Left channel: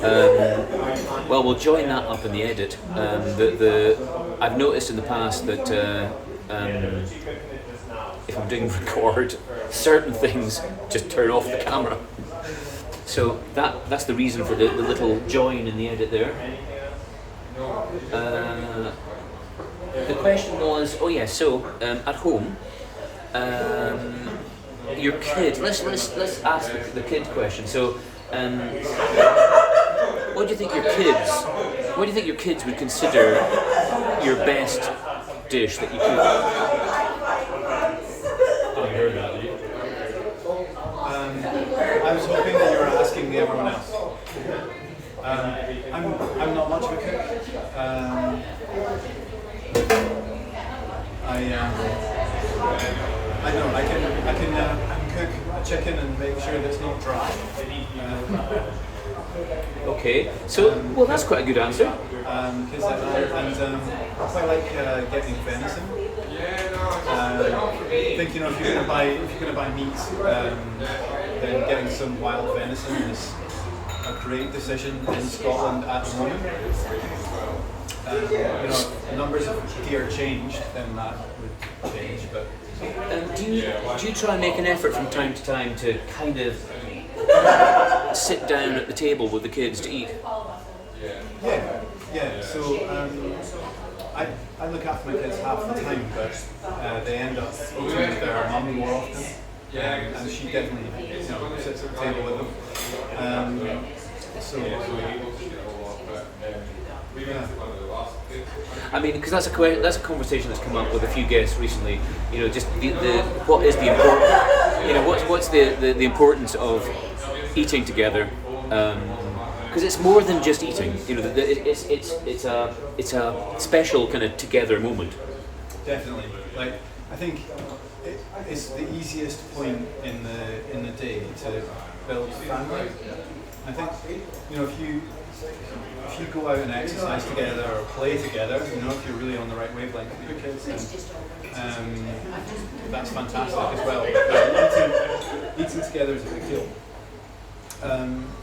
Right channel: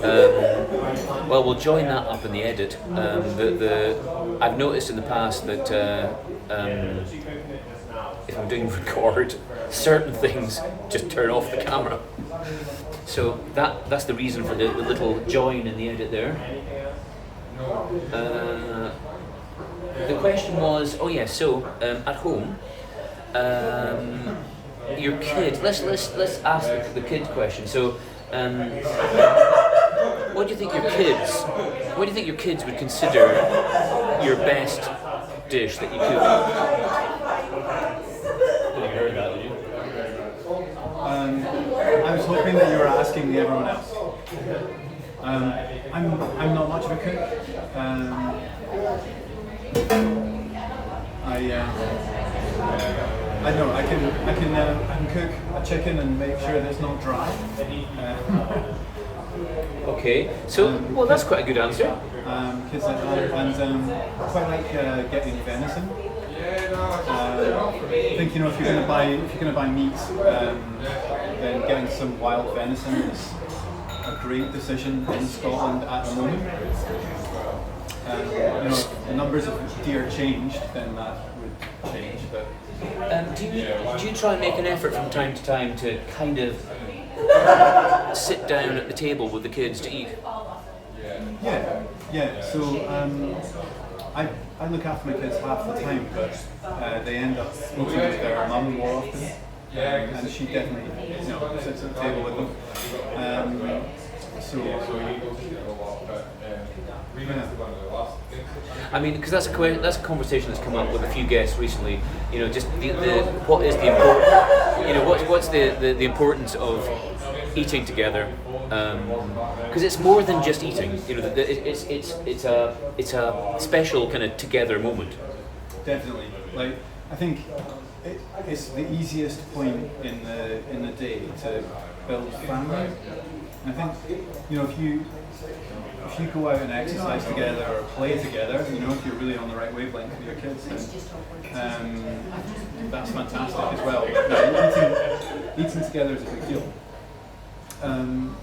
Well, we'll join that up in the edit. I've noticed in the past that if I'm doing record, certain things just turn off the camera. So that's the reason for the little join in the edit there. The question was, oh yeah, so at home, your kid. Let's ask the kid question. So, what do you think your kids would consider your best dish that you cook? Didn't hear that, did you? I was hoping that you were asking everyone else. I'm not much of a cook. I don't know. I can cook a chicken and make sure that it's not dry. Okay, so well, that's quite a good answer. Because I quite like getting venison. I think if you're gonna buy meat, then getting some wild venison is a great decision in Scotland at the moment. If the numbers of deer changed, then that would change. But Do you try and make an effort from time to time to kind of sit down at the table with the kids to eat? Yeah. So I look after my kids half the time, but they end up eating with their mum more often. And she definitely sits at the table with them. I mean, because that's a conversation that's come up with a few guests recently. Just what is the important, what's the importance of eating together? Because it's more than just eating. It's a special kind of together moment. Definitely. I think it's the easiest point in the day to build family. I think if you go out and exercise together or play together, if you're really on the right wavelength with your kids, then that's fantastic as well. Eating together is a big deal. I'm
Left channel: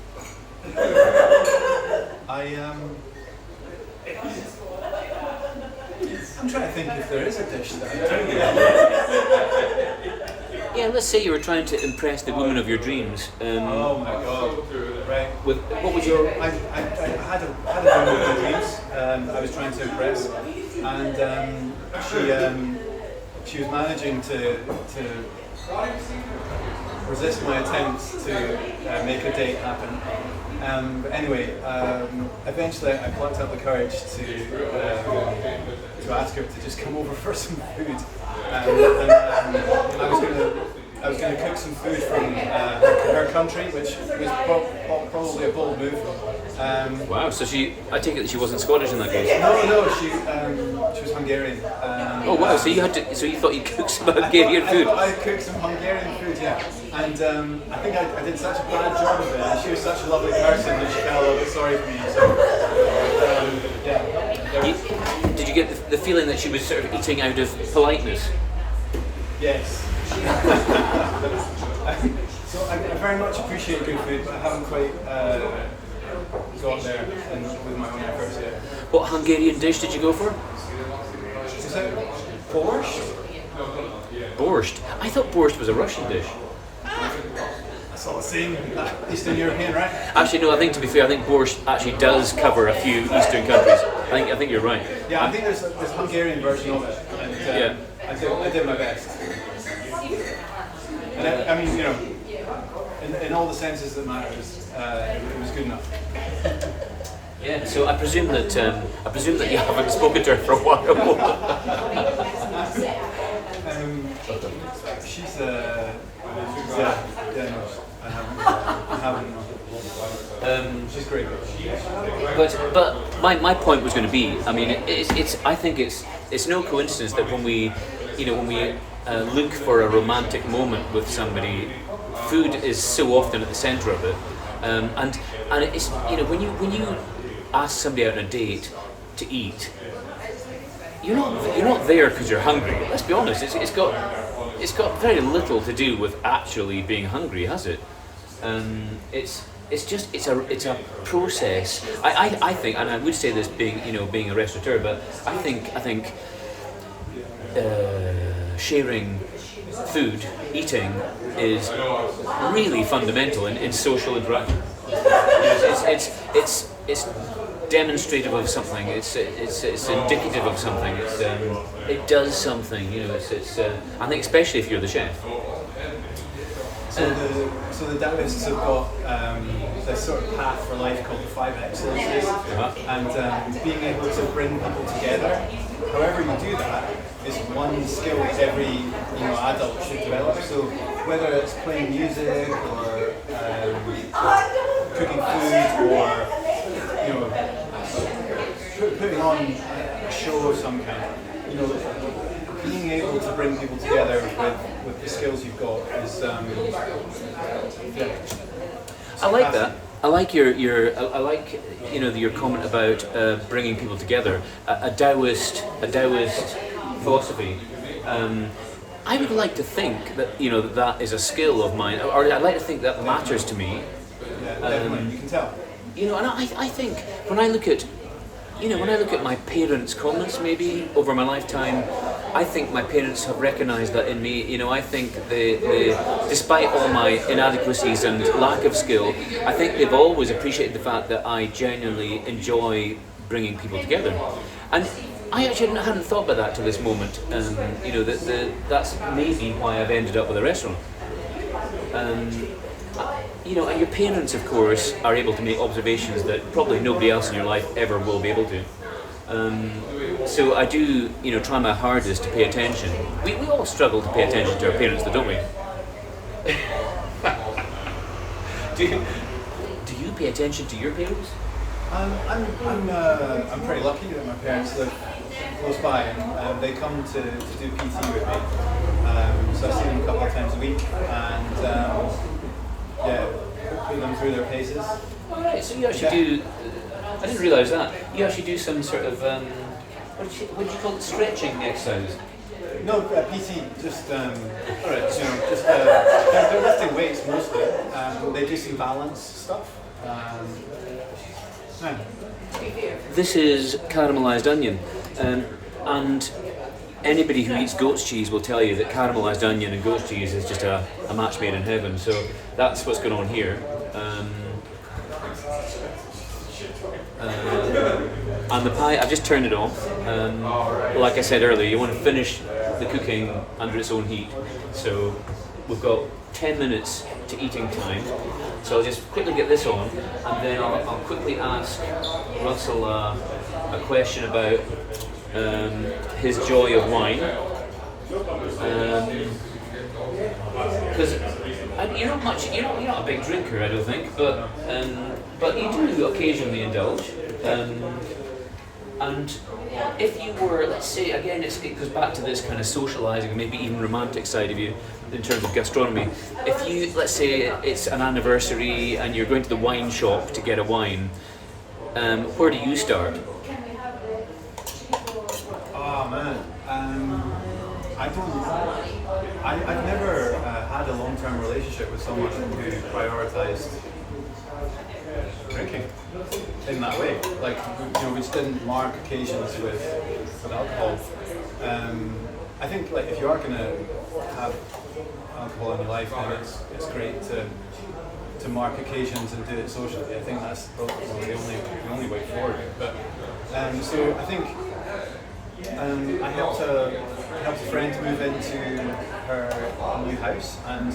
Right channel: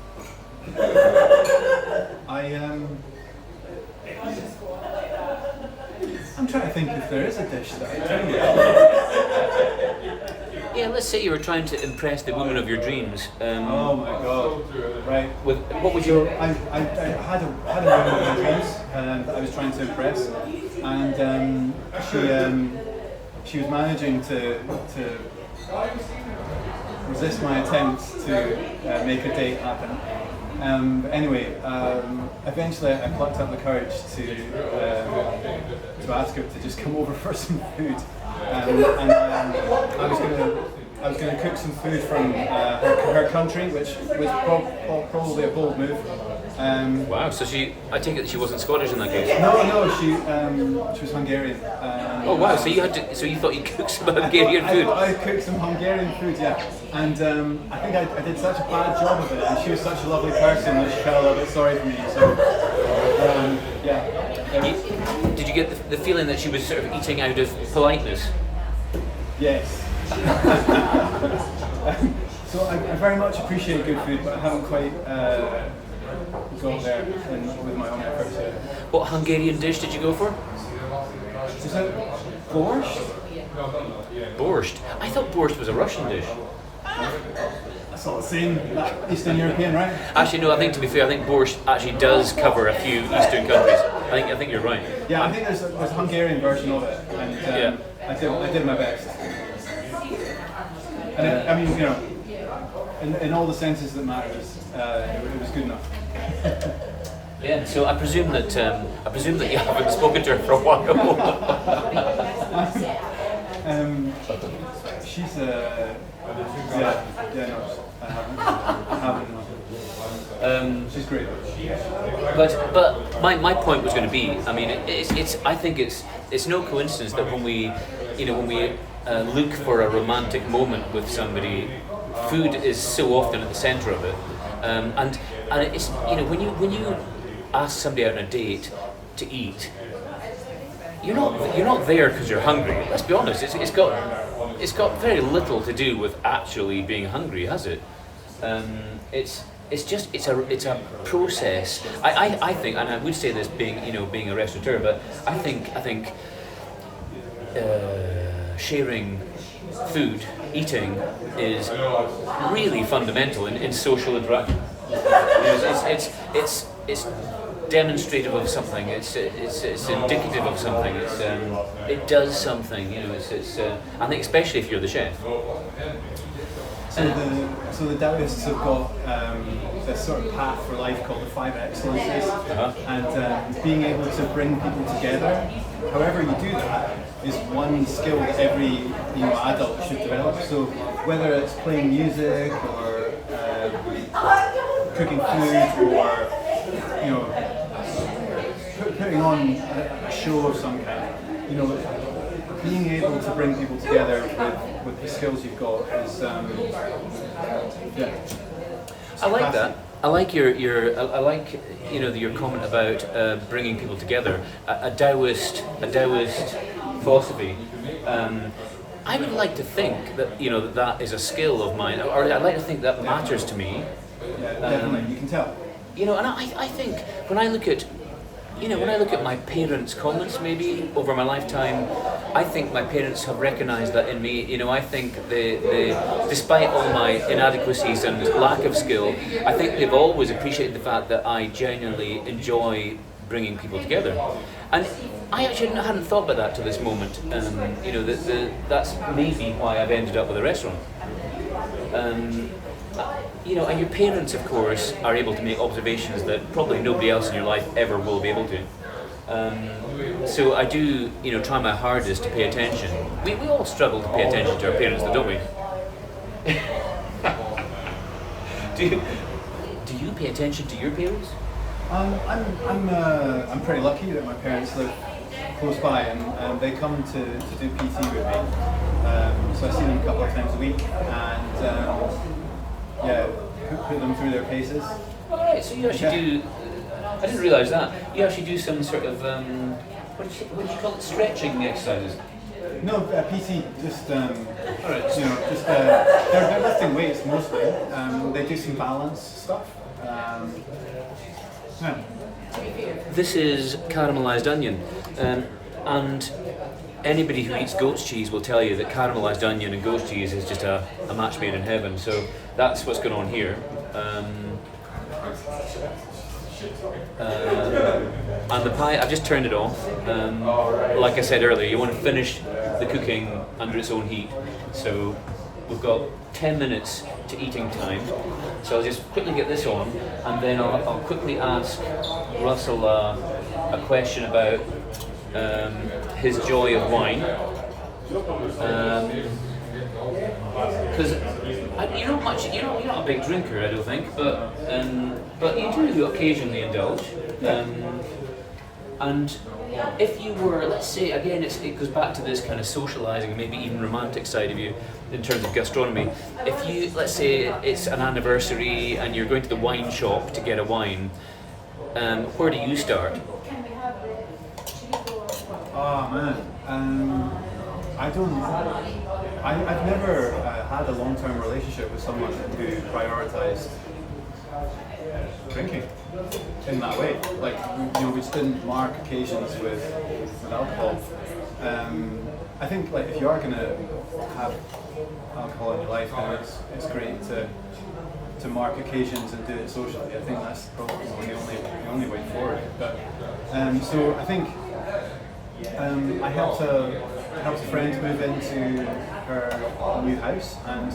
trying to think if there is a dish that I do. Yeah, let's say you were trying to impress the woman of your dreams. Oh my God! Right. What would you? I had a woman of my dreams that I was trying to impress, and she was managing to resist my attempts to make a date happen. But anyway, eventually I plucked up the courage to ask her to just come over for some food. I was going to cook some food from her country, which was probably a bold move. Wow! So I take it that she wasn't Scottish in that case. No, she was Hungarian. Oh wow! So you thought you'd cook some Hungarian food? I cooked some Hungarian food, yeah. And I think I did such a bad job of it, and she was such a lovely person that she felt a little bit sorry for me. So yeah. Did you get the feeling that she was sort of eating out of politeness? Yes. So I very much appreciate good food, but I haven't quite got there with my own efforts yet. What Hungarian dish did you go for? Is it borscht? Borscht? I thought borscht was a Russian dish. That's all the same, Eastern European, right? Actually, no. I think, to be fair, I think borscht actually does cover a few Eastern countries. I think you're right. Yeah, I think there's a Hungarian version of it. And, yeah. I did my best. And I mean, in all the senses that matters, it was good enough. Yeah. So I presume that you haven't spoken to her for a while. She's I haven't. She's great. But my point was going to be, I mean, I think it's no coincidence that when we look for a romantic moment with somebody, food is so often at the centre of it, and it's when you ask somebody out on a date to eat, you're not there because you're hungry. Let's be honest. It's got very little to do with actually being hungry, has it? it's a process. I think, and I would say this being a restaurateur, but I think sharing food, eating, is really fundamental in social interaction. It's demonstrative of something. It's indicative of something. It does something. I think especially if you're the chef. So the Taoists have got this sort of path for life called the Five Excellencies, and being able to bring people together. However you do that is one skill that every adult should develop. So whether it's playing music or cooking food or putting on a show of some kind, being able to bring people together with the skills you've got is I like that. I like your comment about bringing people together. A Taoist philosophy. I would like to think that that is a skill of mine, or I'd like to think that matters to me. You can tell. And I think when I look at my parents' comments maybe over my lifetime, I think my parents have recognised that in me. I think they, despite all my inadequacies and lack of skill, I think they've always appreciated the fact that I genuinely enjoy bringing people together. And I actually hadn't thought about that to this moment. That's maybe why I've ended up with a restaurant. And your parents, of course, are able to make observations that probably nobody else in your life ever will be able to. So I do, try my hardest to pay attention. We all struggle to pay attention to our parents, though, don't we? Do you pay attention to your parents? I'm pretty lucky that my parents live close by, and they come to do PT with me. So I see them a couple of times a week, and put them through their paces. All right, so you actually do. I didn't realise that. You actually do some sort of what do you call it? Stretching exercises. No, PT. Just all right. They're lifting weights mostly. They do some balance stuff. This is caramelised onion, and anybody who eats goat's cheese will tell you that caramelised onion and goat's cheese is just a match made in heaven. So that's what's going on here. And the pie, I've just turned it off. Like I said earlier, you want to finish the cooking under its own heat. So we've got 10 minutes to eating time. So I'll just quickly get this on, and then I'll quickly ask Russell a question about his joy of wine. Because you're not a big drinker, I don't think, but you do occasionally indulge. And if you were, let's say, again, it goes back to this kind of socialising and maybe even romantic side of you in terms of gastronomy. If you, let's say it's an anniversary and you're going to the wine shop to get a wine, where do you start? Oh man, I've never had a long-term relationship with someone who prioritised drinking in that way. Like, we just didn't mark occasions with alcohol. I think like if you are going to have alcohol in your life, then it's great to mark occasions and do it socially. I think that's probably the only way forward. But so I think I helped a friend move into her new house, and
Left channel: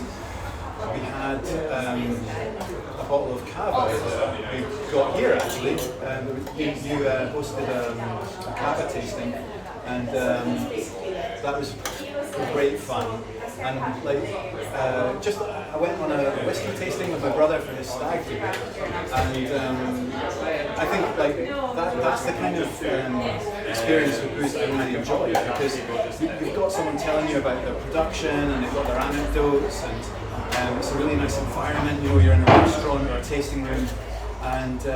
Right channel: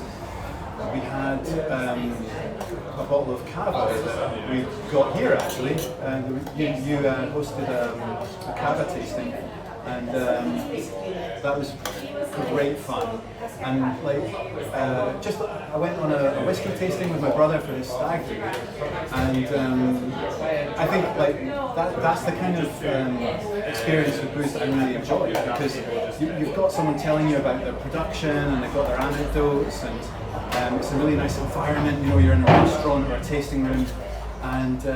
we had a bottle of cava that we got here actually, and you hosted a cava tasting, and that was great fun. And I went on a whiskey tasting with my brother for his stag do, and I think that's the kind of experience with booze that I really enjoy, because you've got someone telling you about the production, and they've got their anecdotes, and it's a really nice environment. You're in a restaurant or a tasting room, and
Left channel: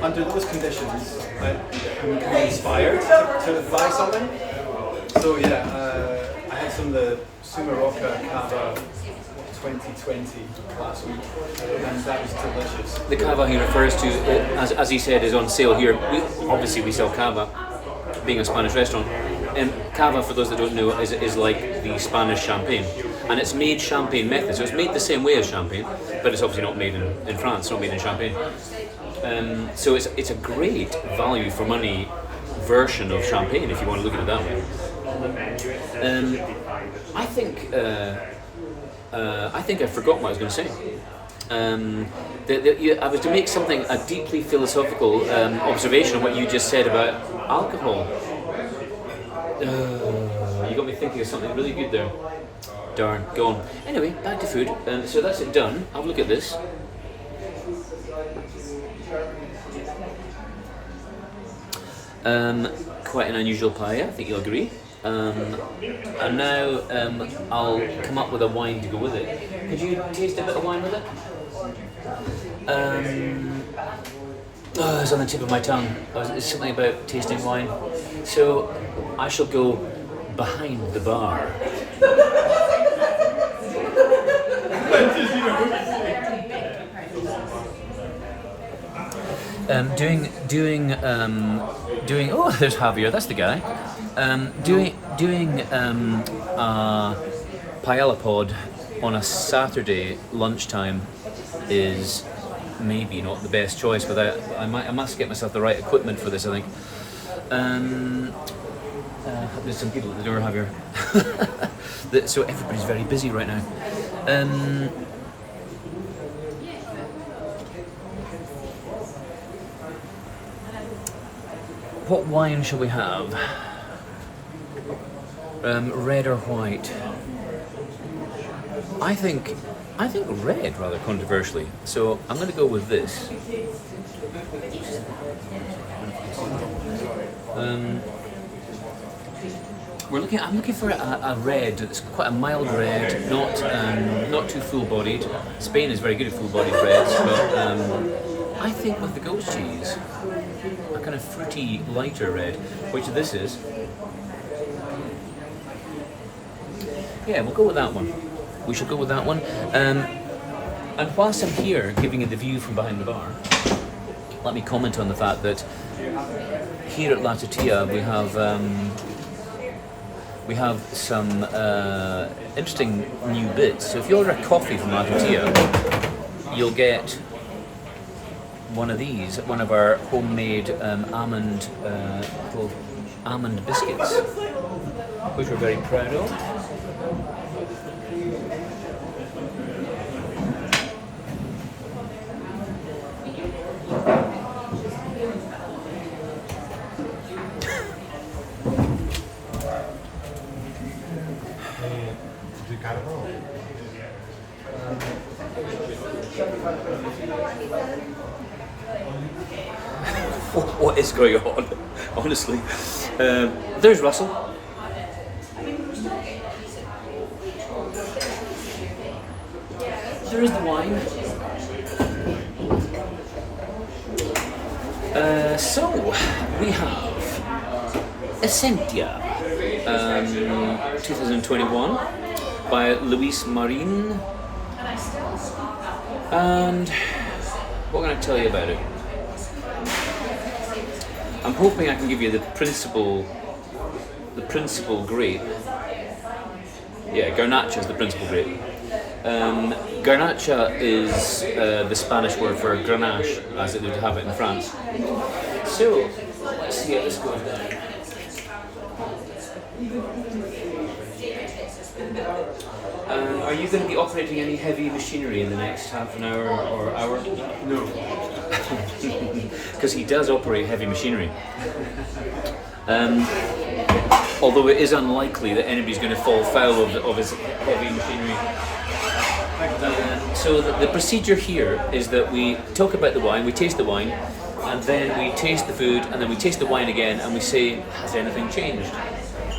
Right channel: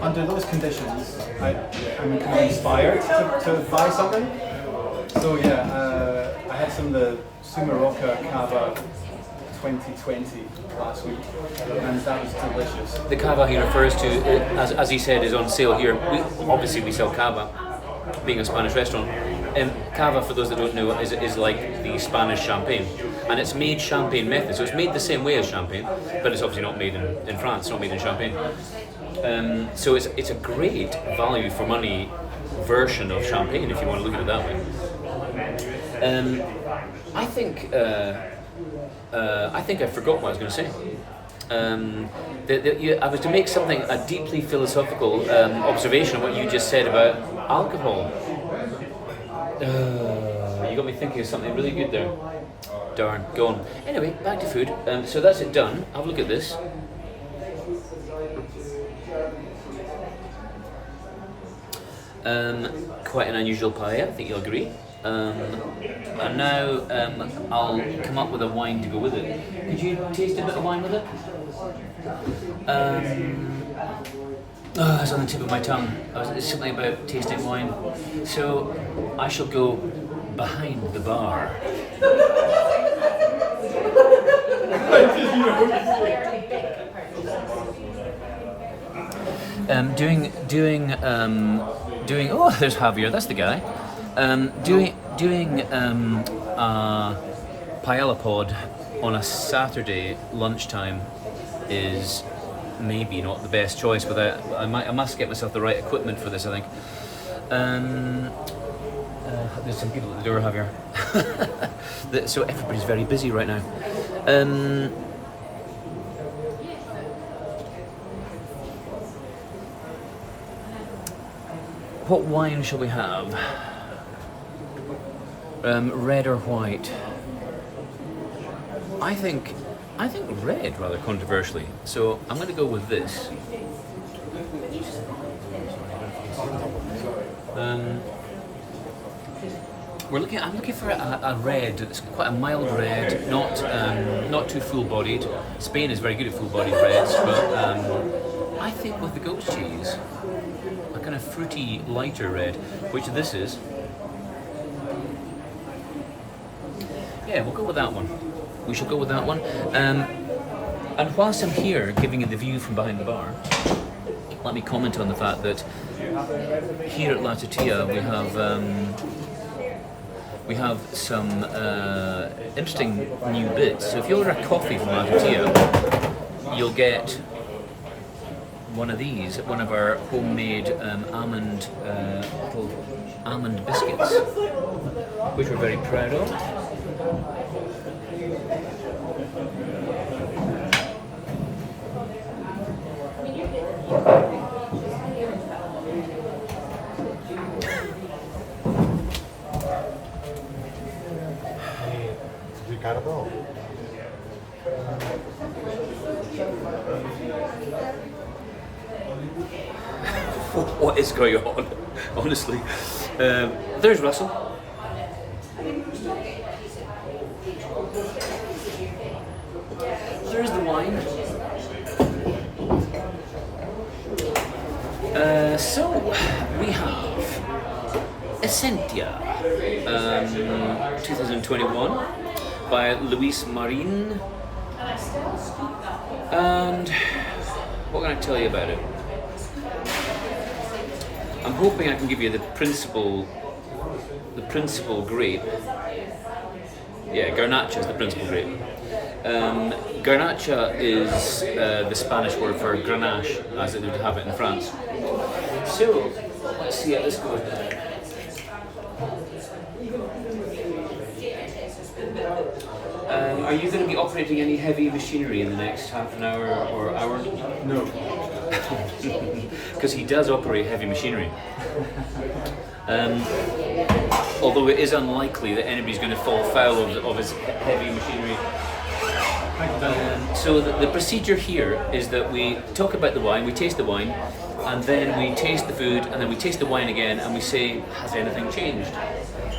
under those conditions, I'm kind of inspired to buy something. So I had some of the Sumaroka Cava 2020 last week, and that was delicious. The cava he refers to, as he said, is on sale here. We sell cava, being a Spanish restaurant. Cava, for those that don't know, is like the Spanish champagne, and it's made champagne method. So it's made the same way as champagne, but it's obviously not made in France. It's not made in Champagne. So it's a great value for money version of champagne, if you want to look at it that way. I think I forgot what I was going to say. I was to make a deeply philosophical observation on what you just said about alcohol. You got me thinking of something really good there. Darn, go on. Anyway, back to food. So that's it done. Have a look at this. Quite an unusual paella, I think you'll agree. And now I'll come up with a wine to go with it. Could you taste a bit of wine with it? It's on the tip of my tongue. It's something about tasting wine. So I shall go behind the bar. Doing. Oh, there's Javier. That's the guy. Doing a paella pod on a Saturday lunchtime is maybe not the best choice. But I must get myself the right equipment for this, I think. There's some people at the door, Javier. So everybody's very busy right now. What wine shall we have? Red or white? I think red, rather controversially. So I'm going to go with this. I'm looking for a red that's quite a mild red, not too full-bodied. Spain is very good at full-bodied reds, but I think with the goat cheese, a kind of fruity, lighter red, which this is. Yeah, we'll go with that one. We shall go with that one. And whilst I'm here giving you the view from behind the bar, let me comment on the fact that here at La Tortilla we have some interesting new bits. So if you order a coffee from La Tortilla, you'll get one of these, one of our homemade little almond biscuits, which we're very proud of. What is going on? Honestly, there's Russell. There's the wine. So we have Essentia 2021 by Luis Marin. And what can I tell you about it? I'm hoping I can give you the principal grape. Yeah, Garnacha is the principal grape. Garnacha is the Spanish word for Grenache, as it would have it in France. So, let's see how this goes down. Are you going to be operating any heavy machinery in the next half an hour or hour? No. Because he does operate heavy machinery. Although it is unlikely that anybody's going to fall foul of his heavy machinery. So the procedure here is that we talk about the wine, we taste the wine, and then we taste the food, and then we taste the wine again, and we say, has anything changed?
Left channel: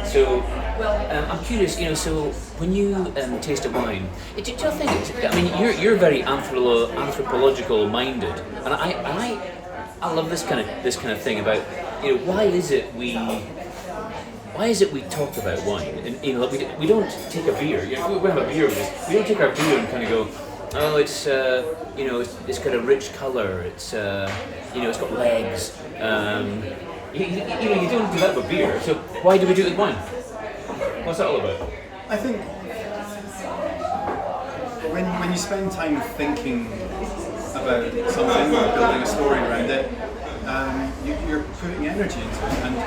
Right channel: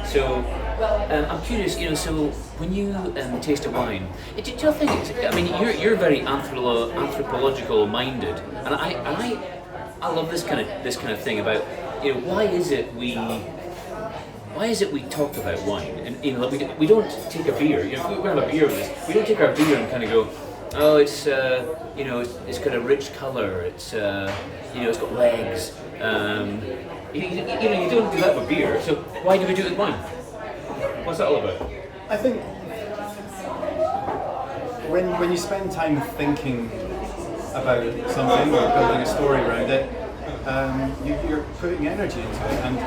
So I'm curious, so when you taste a wine, do you think? I mean, you're very anthropological minded, and I love this kind of thing about, why is it we why is it we talk about wine? And you know, like we don't take a beer. You know, if we have a beer with this, we don't take our beer and kind of go, oh, it's you know, it's got a rich color. It's you know, it's got legs. You know, you don't do that with beer. So why do we do it with wine? What's that all about? I think when you spend time thinking about something or building a story around it, you're putting energy into it, and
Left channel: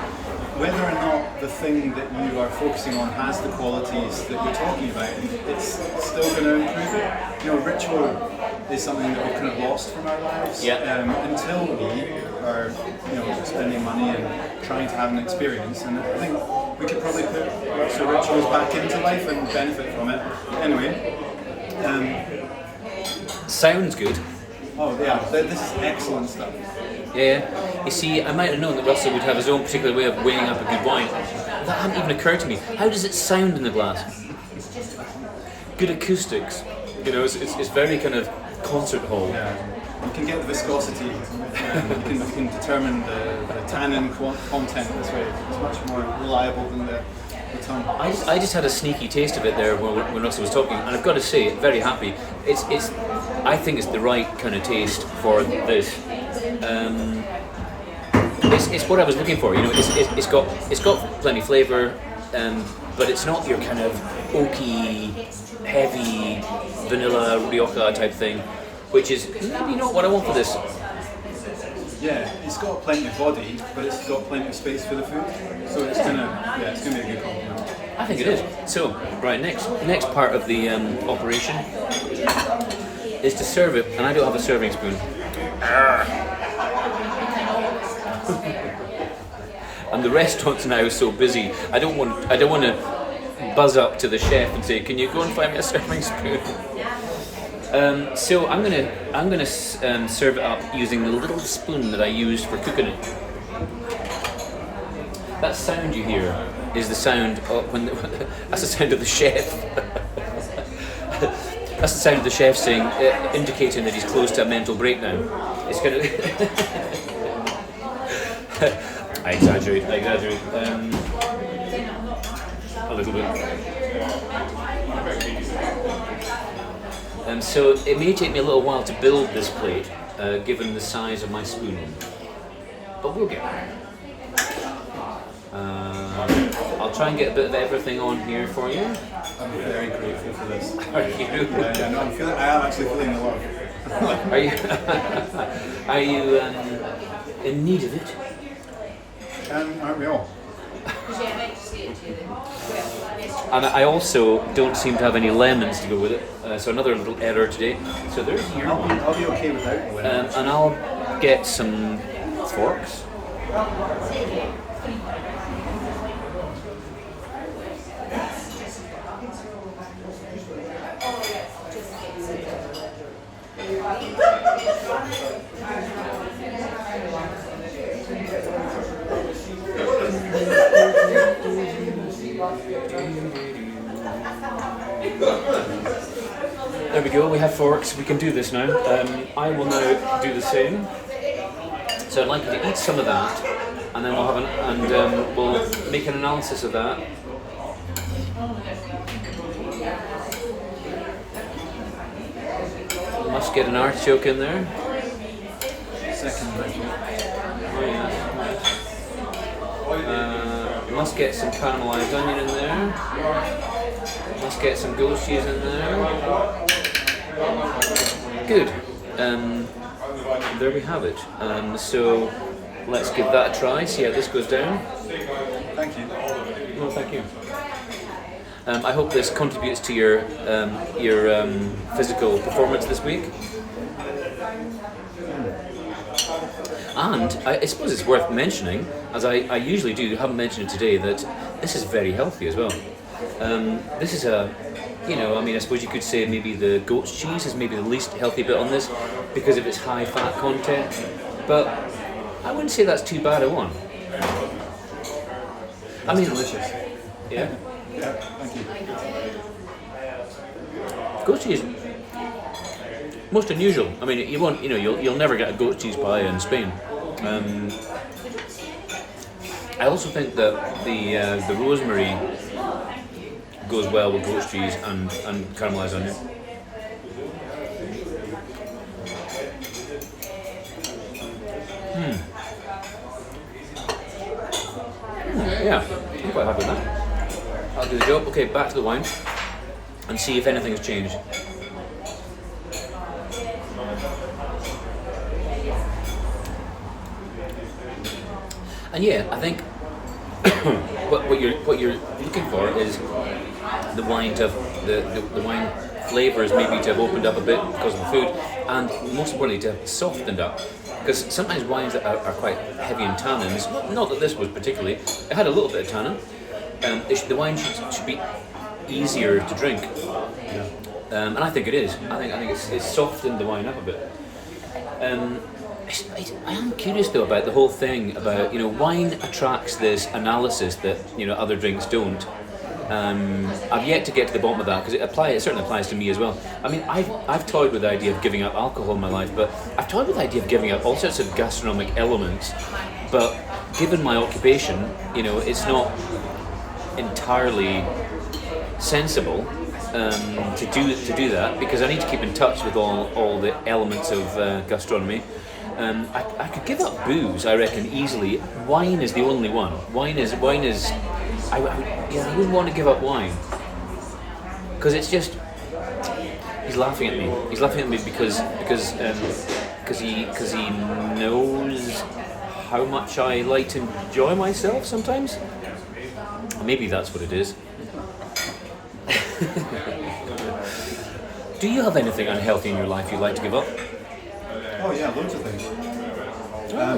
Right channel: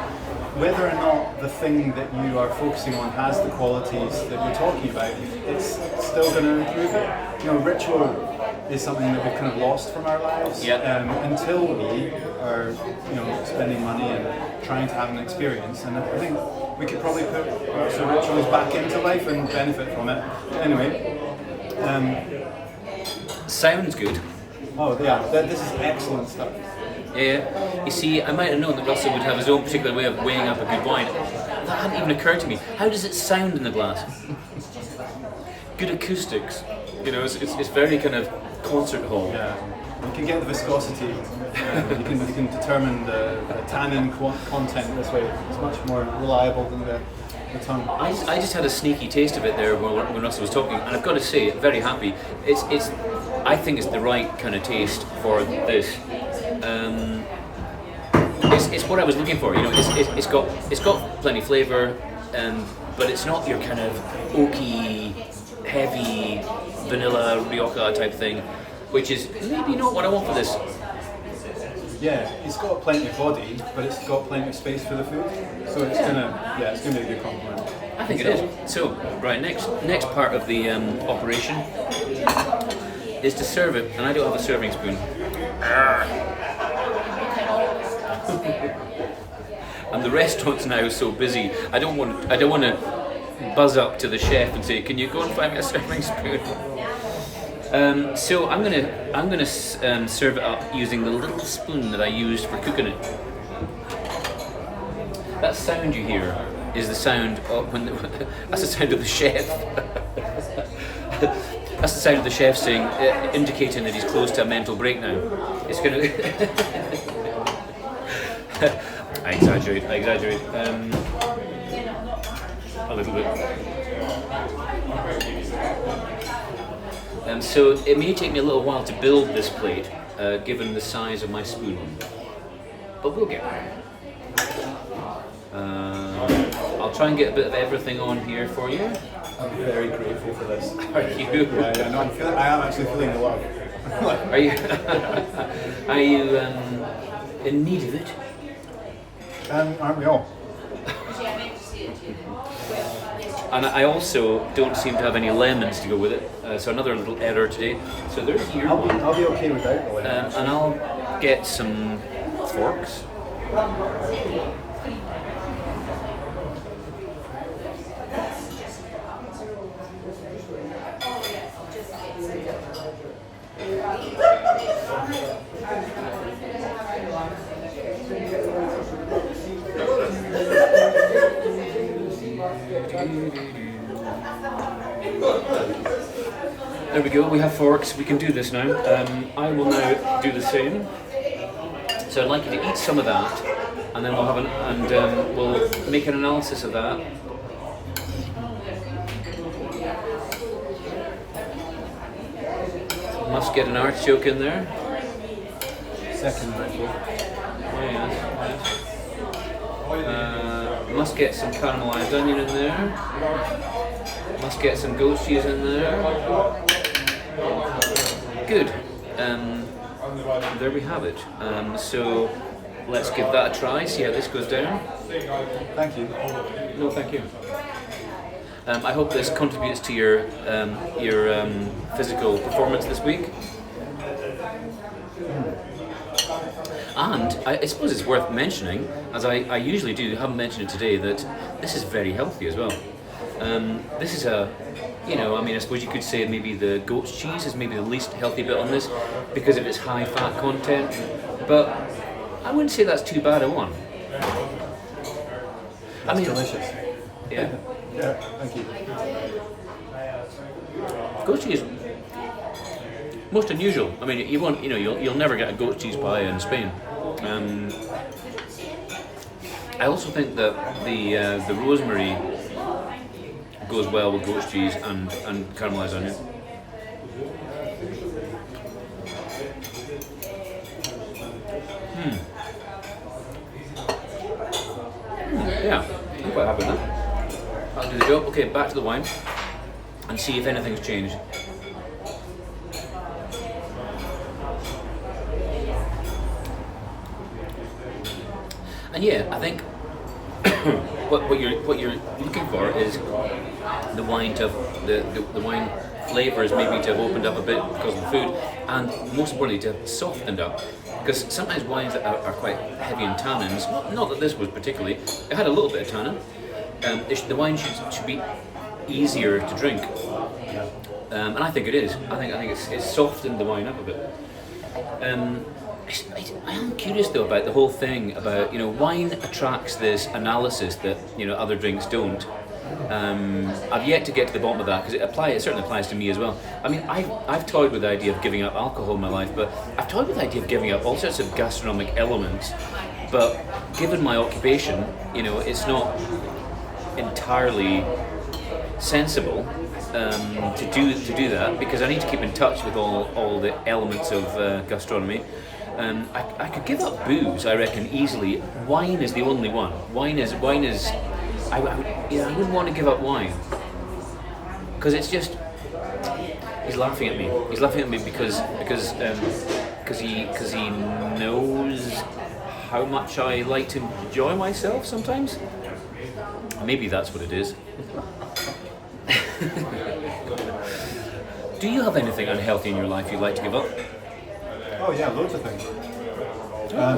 whether or not the thing that you are focusing on has the qualities that you're talking about, it's still going to improve it. You know, ritual is something that we've kind of lost from our lives until we are, you know, spending money and trying to have an experience. And I think we could probably put the rituals back into life and benefit from it. Anyway. Sounds good. Oh yeah, this is excellent stuff. Yeah. You see, I might have known that Russell would have his own particular way of weighing up a good wine. That hadn't even occurred to me. How does it sound in the glass? Good acoustics. You know, it's very kind of concert hall. Yeah. You can get the viscosity. You can determine the tannin content this way. It's much more reliable than the tongue. I just had a sneaky taste of it there when Russell was talking, and I've got to say, very happy. I think it's the right kind of taste for this. It's what I was looking for. You know, it's got plenty of flavour, but it's not your kind of oaky, heavy vanilla Rioja type thing, which is maybe not what I want for this. Yeah, it's got plenty of body, but it's got plenty of space for the food, so it's gonna be a good compliment. I think it is. So, right, next part of the operation is to serve it, and I don't have a serving spoon. And the restaurant's now so busy. I don't want to buzz up to the chef and say, "Can you go and find me a serving spoon?" So I'm gonna serve it up using the little spoon that I used for cooking it. That sound you hear is the sound of that's the sound of the chef. That's the sound of the chef saying, indicating that he's close to a mental breakdown. It's gonna. I exaggerate. A little bit. So it may take me a little while to build this plate, given the size of my spoon, but we'll get there. I'll try and get a bit of everything on here for you. I'm very grateful for this. Are you? Yeah, no, I am actually feeling the love. Are you? Are you in need of it? Aren't we all? And I also don't seem to have any lemons to go with it, so another little error today. So there's your one. I'll be okay without lemons. And I'll get some forks. There we go, we have forks, we can do this now. I will now do the same. So I'd like you to eat some of that, and then we'll make an analysis of that. Must get an artichoke in there. Second ritual. Oh yes. Must get some caramelized onion in there. Must get some goat cheese in there. Good. There we have it. So let's give that a try. See how this goes down. Thank you. No, thank you. I hope this contributes to your physical performance this week. And I suppose it's worth mentioning, as I usually do, haven't mentioned it today, that this is very healthy as well. This is I suppose you could say maybe the goat's cheese is maybe the least healthy bit on this because of its high fat content, but I wouldn't say that's too bad a one. I mean, delicious. Yeah. Yeah, thank you. Goat cheese, most unusual. I mean, you'll never get a goat cheese pie in Spain. I also think that the rosemary goes well with goat's cheese and caramelized onion. Yeah, I'm quite happy with that. That'll do the job. Okay, back to the wine and see if anything's changed. And yeah, I think what you're looking for is the wine to have the wine flavors maybe to have opened up a bit because of the food, and most importantly to have softened up. Because sometimes wines are quite heavy in tannins. Not that this was particularly. It had a little bit of tannin. The wine should be easier to drink, and I think it is. I think it's softened the wine up a bit. I am curious though about the whole thing about, you know, wine attracts this analysis that, you know, other drinks don't. I've yet to get to the bottom of that because it certainly applies to me as well. I mean, I've toyed with the idea of giving up alcohol in my life, but I've toyed with the idea of giving up all sorts of gastronomic elements. But given my occupation, you know, it's not entirely sensible to do that, because I need to keep in touch with all the elements of gastronomy. I could give up booze, I reckon, easily. Wine is the only one. Wine is. I wouldn't want to give up wine because it's just. He's laughing at me. He's laughing at me because he knows how much I like to enjoy myself sometimes. Maybe that's what it is. Do you have anything unhealthy in your life you'd like to give up? Oh yeah, loads of things. I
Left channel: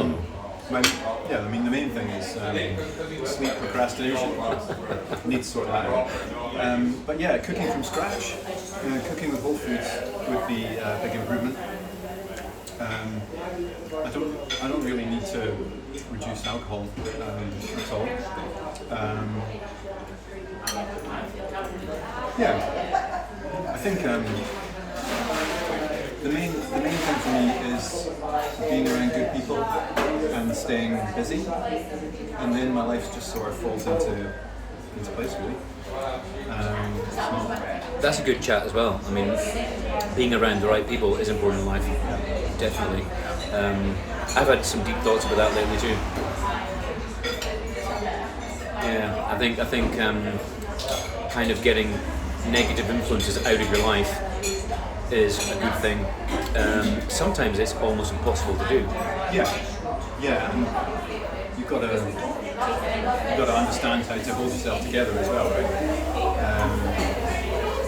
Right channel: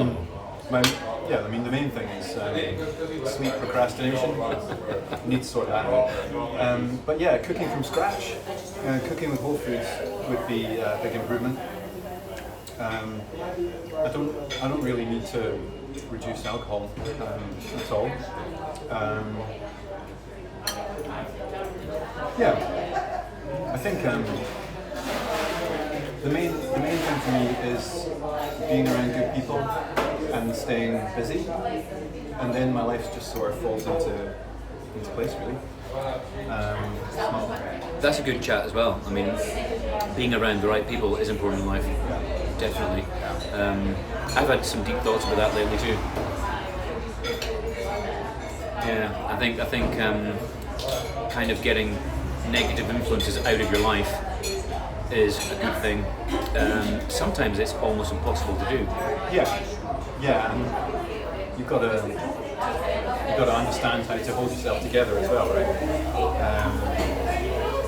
mean the main thing is sleep procrastination. Need to sort that out. But yeah, cooking from scratch, cooking with whole foods would be a big improvement. I don't really need to reduce alcohol at all. I think the main thing for me is being around good people and staying busy, and then my life just sort of falls into place really. That's a good chat as well. I mean, being around the right people is important in life, definitely. I've had some deep thoughts about that lately too. Yeah, I think kind of getting negative influences out of your life is a good thing. Sometimes it's almost impossible to do. Yeah, and you've got to understand how to hold yourself together as well, right?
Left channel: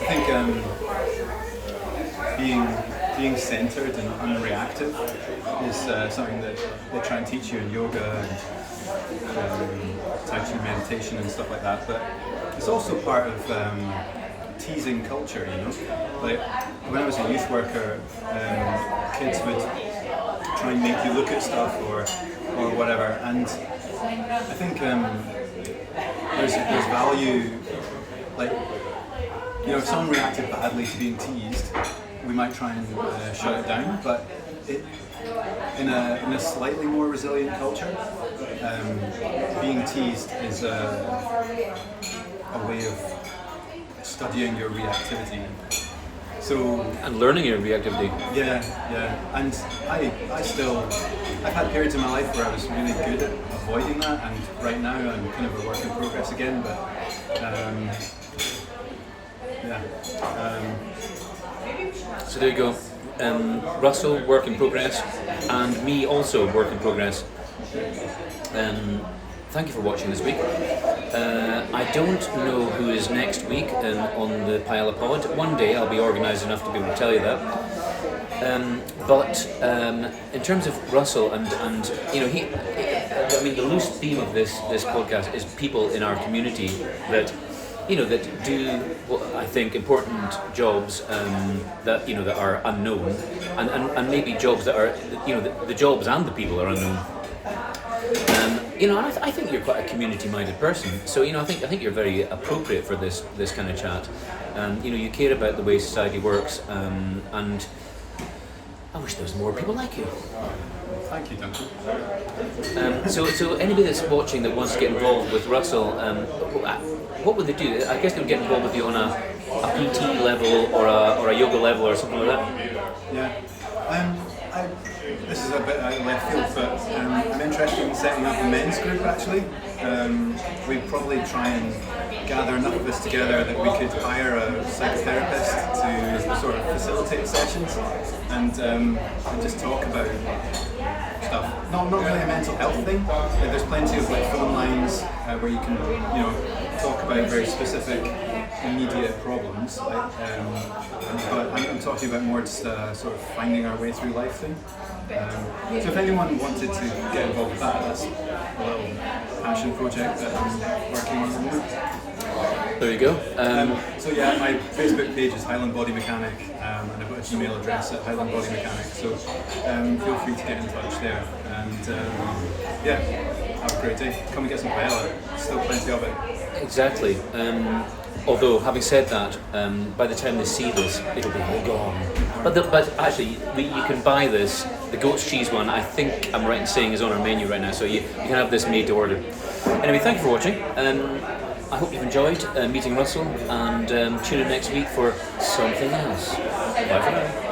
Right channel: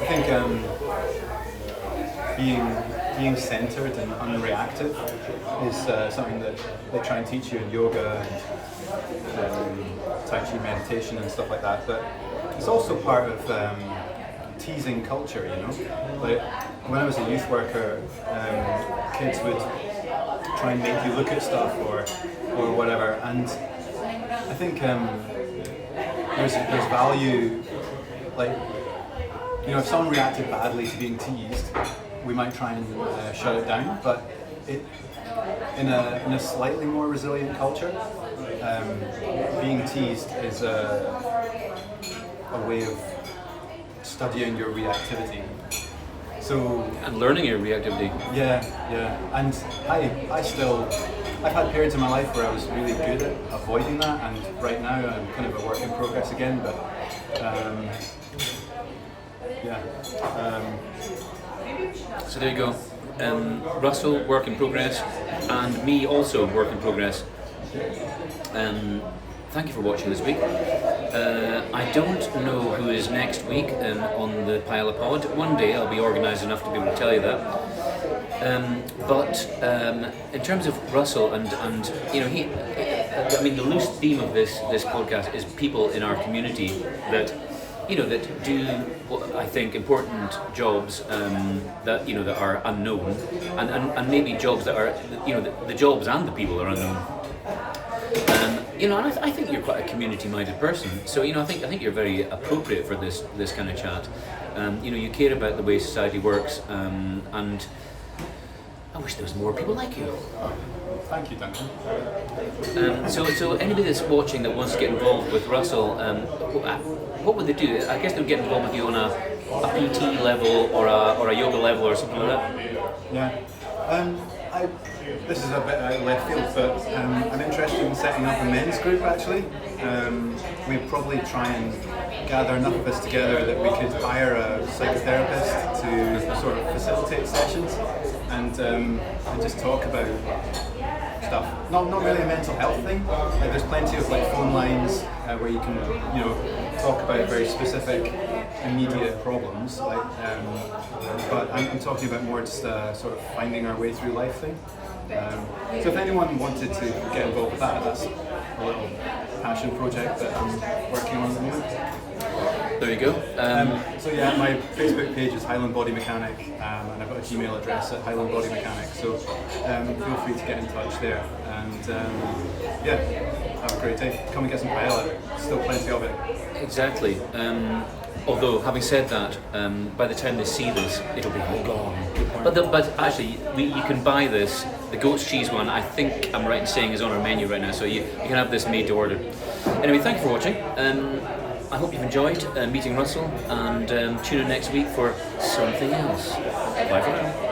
I think being centered and unreactive is something that they try and teach you in yoga and Tai Chi meditation and stuff like that. But it's also part of teasing culture, you know. Like when I was a youth worker, kids would try and make you look at stuff or whatever, and I think there's value, like, you know, if someone reacted badly to being teased, we might try and shut it down, but in a slightly more resilient culture, being teased is a way of studying your reactivity. And learning your reactivity. Yeah, and I've had periods in my life where I was really good at avoiding that, and right now I'm kind of a work in progress again, but So there you go. Russell, work in progress, and me also work in progress. Thank you for watching this week. I don't know who is next week on the Paella Pod. One day I'll be organised enough to be able to tell you that. But in terms of Russell and you know, I mean, the loose theme of this podcast is people in our community that, you know, that do what I think important jobs that, you know, that are unknown, and maybe jobs that are, you know, the jobs and the people are unknown. You know, and I think you're quite a community-minded person. So, you know, I think you're very appropriate for this kind of chat. You know, you care about the way society works, and I wish there was more people like you. Thank you, Duncan. So anybody that's watching that wants to get involved with Russell, what would they do? I guess they'll get involved with you on a PT level or a yoga level or something like that. Yeah. This is a bit out of left field, but I'm interested in setting up a men's group actually. We'd probably try and gather enough of us together that we could hire a psychotherapist to sort of facilitate sessions and just talk about stuff. Not really a mental health thing. Like there's plenty of like phone lines where you can talk about very specific immediate problems. Like, but I'm talking about more just sort of finding our way through life thing. So if anyone wanted to get involved with that, that's a little passion project that I'm working on at the moment. There you go. So yeah, my Facebook page is Highland Body Mechanic, and I've got a Gmail address at Highland Body Mechanic. So feel free to get in touch there. And yeah, have a great day. Come and get some paella. Still plenty of it. Exactly. Although, having said that, by the time they see this, it'll be all gone. But actually, you can buy this. The goat's cheese one, I think I'm right in saying, is on our menu right now, so you can have this made to order. Anyway, thank you for watching. I hope you've enjoyed meeting Russell, and tune in next week for something else. Bye for now.